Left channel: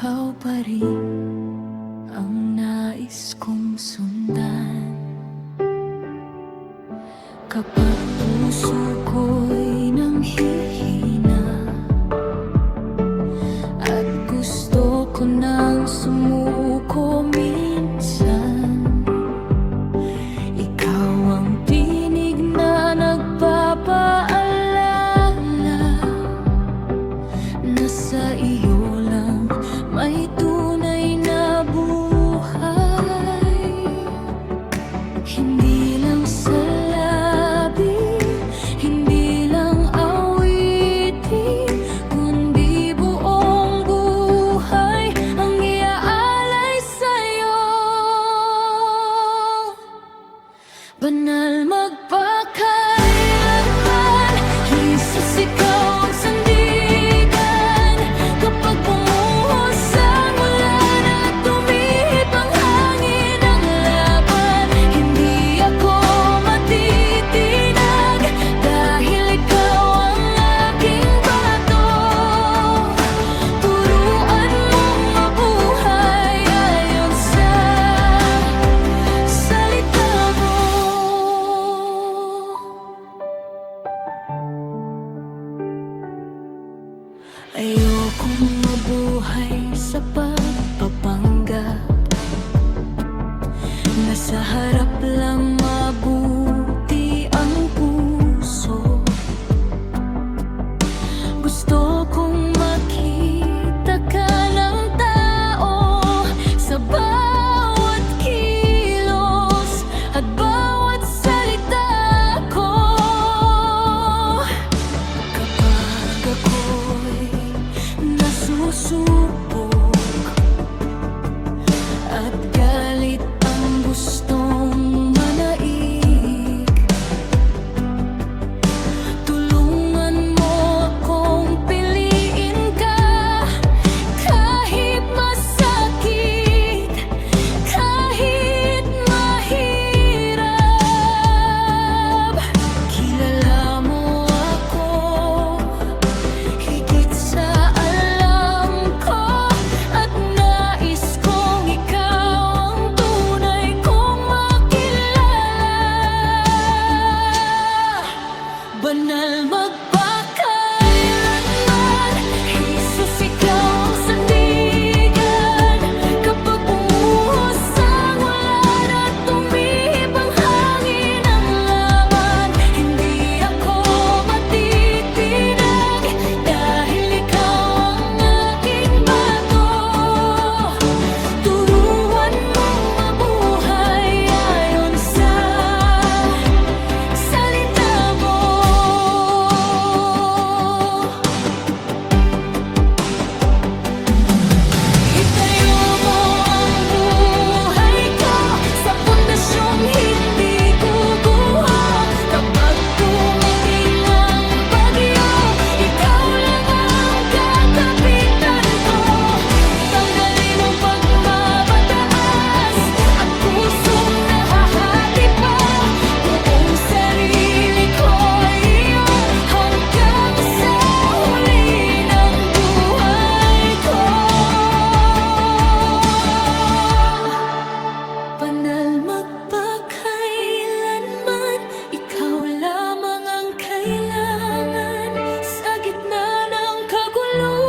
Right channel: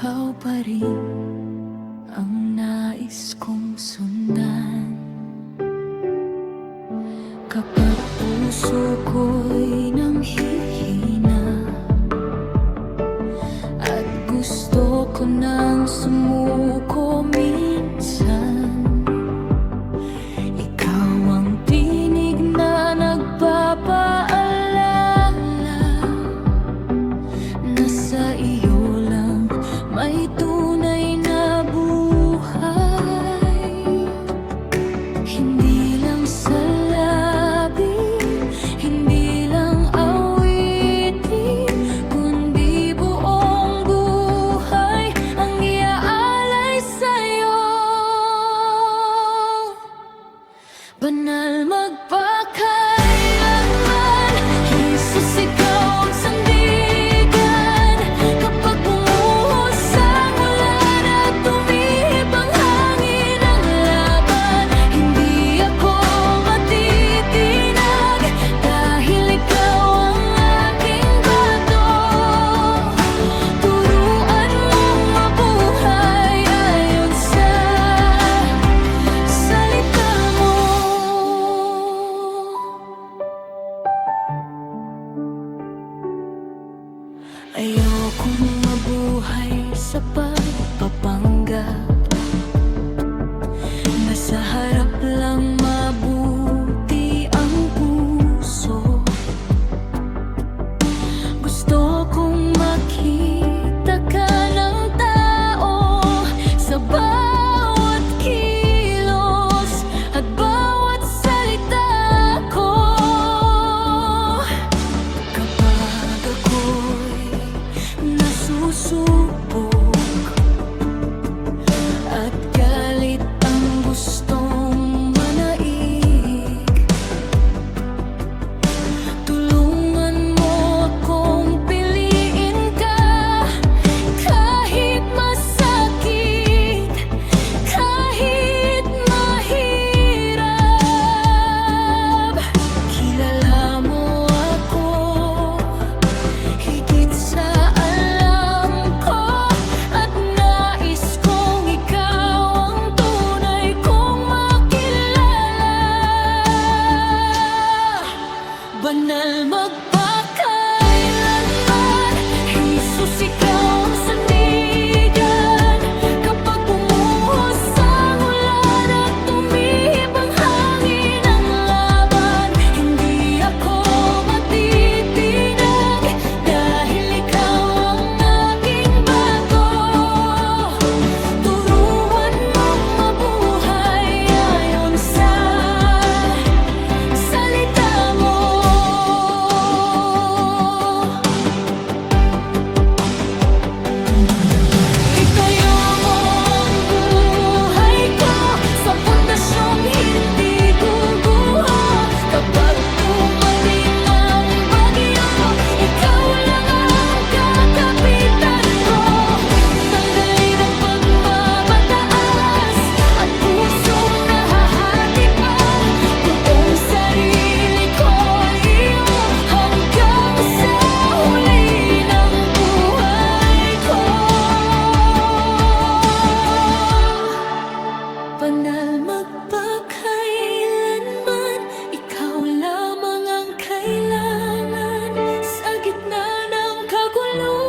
ikaw pa rin ang nais kong sundan. Kapag puso ko'y nanghihina at gusto ko nang sumuko minsan, ikaw ang tinig na nagpapaalala na sa iyo lang may tunay na buhay. Hindi lang sa labi, hindi lang awitin, kundi buong buhay ang iaalay sa'yo. Banal magpakailanman, Jesus, ikaw ang sandigan. Kapag bumuhos ang ulan at tumihip ang hangin ng laban, hindi ako matitinag dahil ikaw ang aking bato. Turuan mong mabuhay ayon sa salita mo. Ayokong mabuhay sa pagpapanggap, nasa harap lang mabuti ang puso. Gusto kong makita ka ng tao sa bawat kilos at bawat salita ko. Kapag ako'y nasusubok at galit ang gustong manaig, tulungan mo akong piliin ka kahit masakit, kahit mahirap. Kilala mo ako higit sa alam ko at nais kong ikaw ang tunay kong makilala. Banal magpakailanman, Jesus, ikaw ang sandigan. Kapag bumuhos ang ulan at tumihip ang hangin ng laban, hindi ako matitinag dahil ikaw ang aking bato. Turuan mong mabuhay ayon sa salita mo. Itayo mo ang buhay ko sa pundasyong hindi guguho. Kapag dumating ang bagyo, ikaw lang ang kakapitan ko. Tanggalin ang pagmamataas at pusong nahahati pa. Buong sarili ko iyo hanggang sa huli ng buhay ko. Banal magpakailanman, ikaw lamang ang kailangan sa gitna ng kaguluhan.